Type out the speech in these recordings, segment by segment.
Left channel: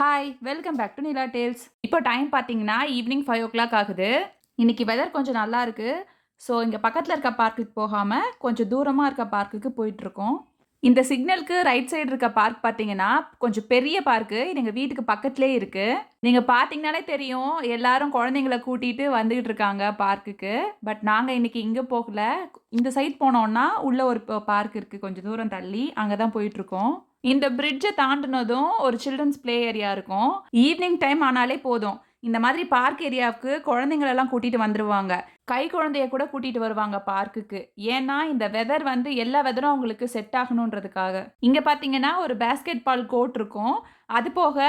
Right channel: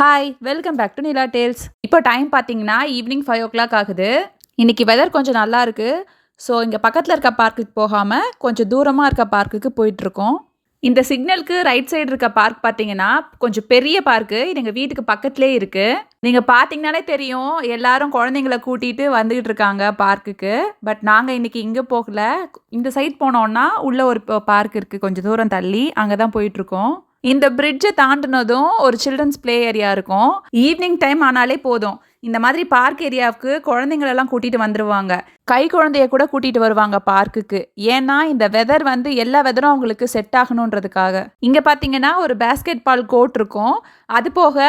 Hi welcome back to Nila tales. இப்போ time பார்த்தீங்கன்னா evening 5 o'clock ஆகுது. இன்னைக்கு வெதர் கொஞ்சம் நல்லா இருக்கு. ஸோ இங்கே பக்கத்தில் இருக்க பார்க்குக்கு போகாமல் கொஞ்சம் தூரமாக இருக்க பார்க்குக்கு போயிட்டுருக்கோம். இந்த சிக்னலுக்கு ரைட் சைடு இருக்க பார்க் பார்த்தீங்கன்னா கொஞ்சம் பெரிய பார்க்கு. இது எங்கள் வீட்டுக்கு பக்கத்துலேயே இருக்குது. நீங்கள் பார்த்தீங்கனாலே தெரியும் எல்லாரும் குழந்தைங்கள கூட்டிகிட்டு வந்துக்கிட்டு இருக்காங்க பார்க்குக்கு. பட் நாங்கள் இன்னைக்கு இங்கே போகல. இந்த சைட் போனோன்னா உள்ள ஒரு பார்க் இருக்குது கொஞ்சம் தூரம் தள்ளி, அங்கே தான் போயிட்டுருக்கோம். இந்த பிரிட்ஜை தாண்டினதும் ஒரு சில்ட்ரன்ஸ் ப்ளே ஏரியா இருக்கும். ஈவினிங் டைம் ஆனாலே போதும் இந்த மாதிரி பார்க் ஏரியாவுக்கு குழந்தைங்களெல்லாம் கூட்டிகிட்டு வந்துடுவாங்க. கை குழந்தைய கூட கூட்டிகிட்டு வருவாங்க பார்க்குக்கு. ஏன்னா இந்த வெதர் வந்து எல்லா வெதரும் அவங்களுக்கு செட் ஆகணுன்றதுக்காக. இங்கே பார்த்தீங்கன்னா ஒரு பேஸ்கெட் பால் கோர்ட் இருக்கும். அது போக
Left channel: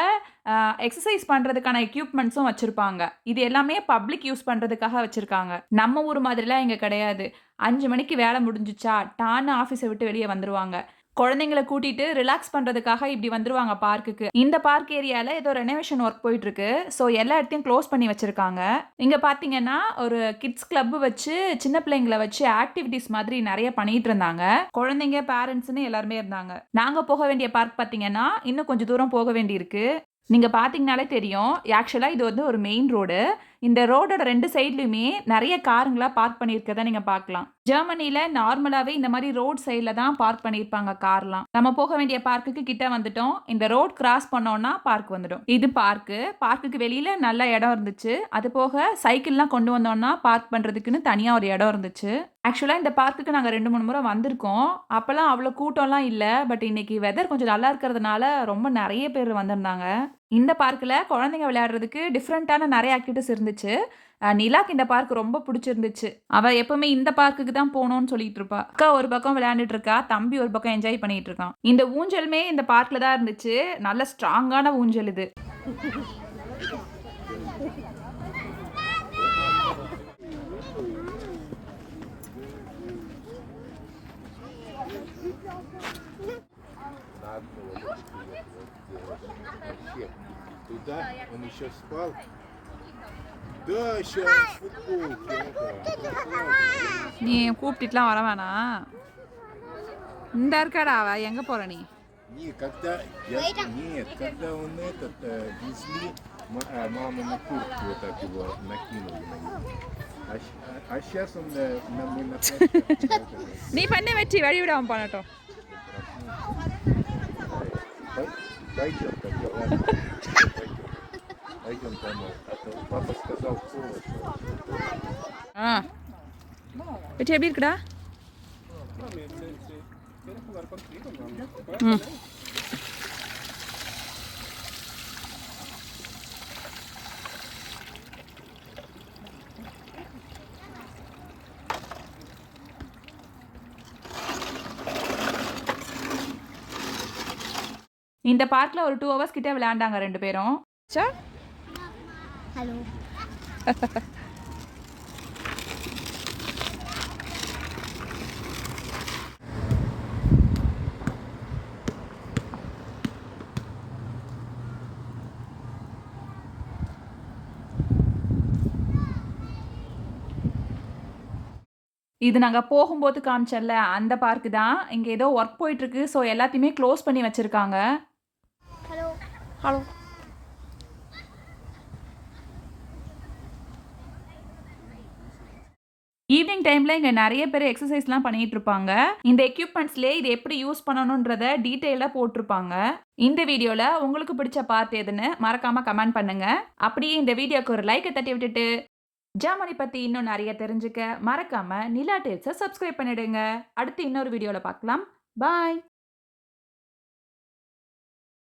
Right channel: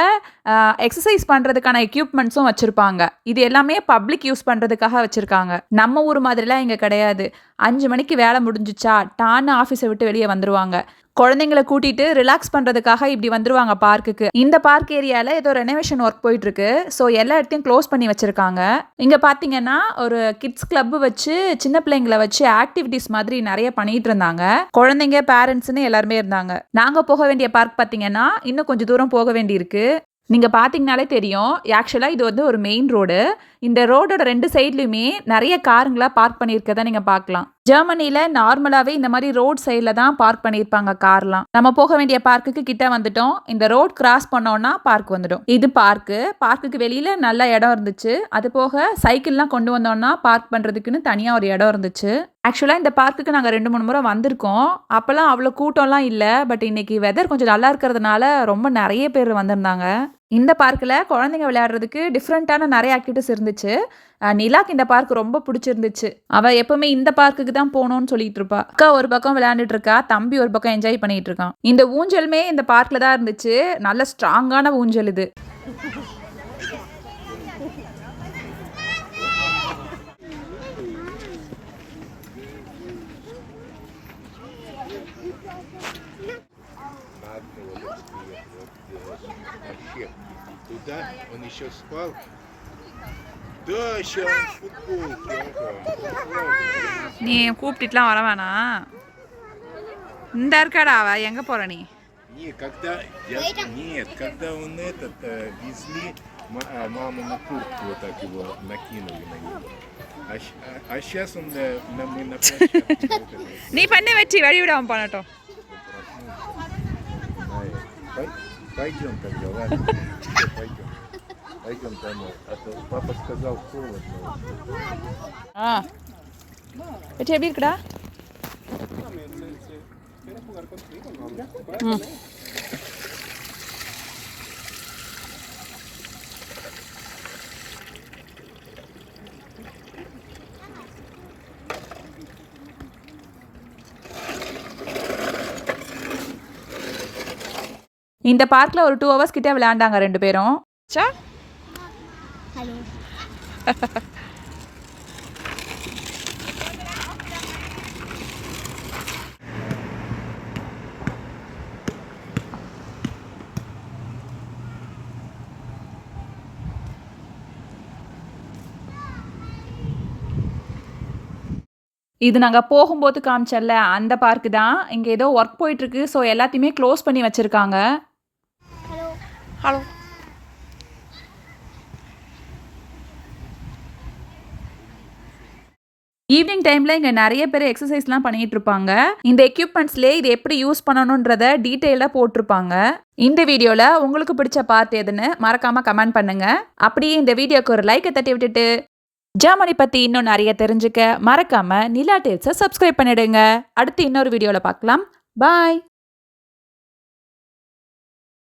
எக்ஸசைஸ் பண்ணுறதுக்கான எக்யூப்மெண்ட்ஸும் வச்சுருப்பாங்க. இது எல்லாமே பப்ளிக் யூஸ் பண்ணுறதுக்காக வச்சுருக்காங்க. நம்ம ஊர் மாதிரிலாம் இங்கே கிடையாது. 5 மணிக்கு வேலை முடிஞ்சிச்சா டான்னு ஆஃபீஸை விட்டு வெளியே வந்துடுவாங்க. குழந்தைங்களை கூட்டிட்டு ரிலாக்ஸ் பண்ணுறதுக்காக இப்படி வந்துருவாங்க பார்க்குக்கு. இந்த பார்க் ஏரியாவில் ஏதோ ரெனோவேஷன் ஒர்க் போயிட்டுருக்கு. ஸோ எல்லா இடத்தையும் க்ளோஸ் பண்ணி வச்சுருக்காங்க. இங்கே பார்த்தீங்கன்னா ஒரு கிட்ஸ் கிளப்பு வச்சு சின்ன பிள்ளைங்களை வச்சு ஆக்டிவிட்டிஸ் மாதிரி நிறைய பண்ணிட்டு இருந்தாங்க. குழந்தைங்க பேரண்ட்ஸ்னு எல்லாருமே இருந்தாங்க. நாங்கள் போக வேண்டிய பார்க் பார்த்தீங்கன்னா இன்னும் கொஞ்சம் தூரம் போக வேண்டியிருக்கு. நீங்கள் பார்த்தீங்கனாலே தெரியும். ஆக்சுவலாக இது வந்து ஒரு மெயின் ரோடு. இந்த ரோடோட 2 சைட்லையுமே நிறைய காருங்களாக பார்க் பண்ணியிருக்கதை நீங்கள் பார்க்கலாம். ஜெர்மனியில் நார்மலாகவே இந்த மாதிரி ரோட் சைடில் தான் பார்க் பண்ணியிருப்பாங்க கார்லாம். நம்ம போக வேண்டிய பார்க்குக்கு கிட்ட வந்துட்டோம். இந்த ரோட் கிராஸ் பண்ணோன்னா பார்க் வந்துடும். இது பார்க்குக்கு வெளியில் நல்ல இடம் இருந்துச்சு. அது போக சைக்கிள்லாம் கொண்டு வந்தோன்னா பார்க் பண்ணுறதுக்குன்னு தனியாக ஒரு இடம் இருந்துச்சு. ஆக்சுவலாக இந்த பார்க்குக்கு நாங்கள் 2-3 முறை வந்திருக்கோம். அப்போல்லாம் அவ்வளோ கூட்டம்லாம் இல்லை. பட் இன்னைக்கு வெதர் கொஞ்சம் நல்லா இருக்கிறதுனால ரொம்ப நிறைய பேர் வந்திருந்தாங்க. இந்த பார்க்கில் குழந்தைங்க விளையாடுறதுக்கு டிஃப்ரெண்ட்டான நிறைய ஆக்டிவிட்டிஸ் இருந்துச்சு. நிலாக்கு இந்த பார்க் ரொம்ப பிடிச்சிருந்துச்சு. அவள் எப்பவுமே இந்த பார்க்குக்கு தான் போகணும்னு சொல்லிட்டு இருப்பா. அக்கா ஒரு பக்கம் விளையாண்டுட்டு இருக்கா, தம்பி ஒரு பக்கம் என்ஜாய் பண்ணிட்டு இருக்கான். இந்த ஊஞ்சலுமே இந்த பார்க்கில் தான் இருந்துச்சு. நல்ல ஸ்ட்ராங்கான ஊஞ்சல் இது. Туда он еще спал. Да, сейчас футболки. நீ கூப்பிட்டுலாம் வர வேணாம். இந்த இருக்காடா அவ எங்கே போகிற நீ? Когда он везли, мама на куртку вот так его накинули на него. А сейчас он мы на площадке. நீ பண்ண வச்சு வழி விடாமல் பண்ணட்டும். Пойдем тогда, ладно. Пойдем домой. Папа сказал холодно. வச்சு எப்படி இருக்குடா? இந்த பார்க்கில் ஒரு 2 hours கிட்டே விளையாண்டாங்க 2 பேரும். சா ஹலோ. இது நாங்கள் போகும்போது காமிச்சல்ல அந்த பார்க்கு தான். இங்கே ஏதோ ஒர்க் போயிட்டுருக்கு. ஸோ எல்லாத்தையுமே க்ளோஸ் பண்ணி வச்சுருக்காங்க. ஹலோ. ஹலோ. ஈவினிங் டைமில் இங்கே நிறைய பேர் எக்ஸசைஸ்லாம் பண்ணிகிட்டு இருப்பாங்க. இந்த எக்யூப்மெண்ட்ஸ்லேயே இது எப்படி யூஸ் பண்ணணுன்றத டீட்டெயிலாக போட்டிருப்பாங்க. இந்த வீடியோவில் உங்களுக்கு பிடிச்ச பார்ட் எதுன்னு மறக்காமல் கமெண்ட் பண்ணுங்கள். அப்படியே இந்த வீடியோக்கு ஒரு லைக்கை தட்டி விட்டுட்டு ஜெர்மனி பற்றி இன்னும் நிறைய தெரிஞ்சுக்க மறக்காமல் நிலா டேல்ஸை சப்ஸ்கிரைப் பண்ணிடுங்க. அடுத்து இன்னொரு வீடியோவில் பார்க்கலாம். பாய்.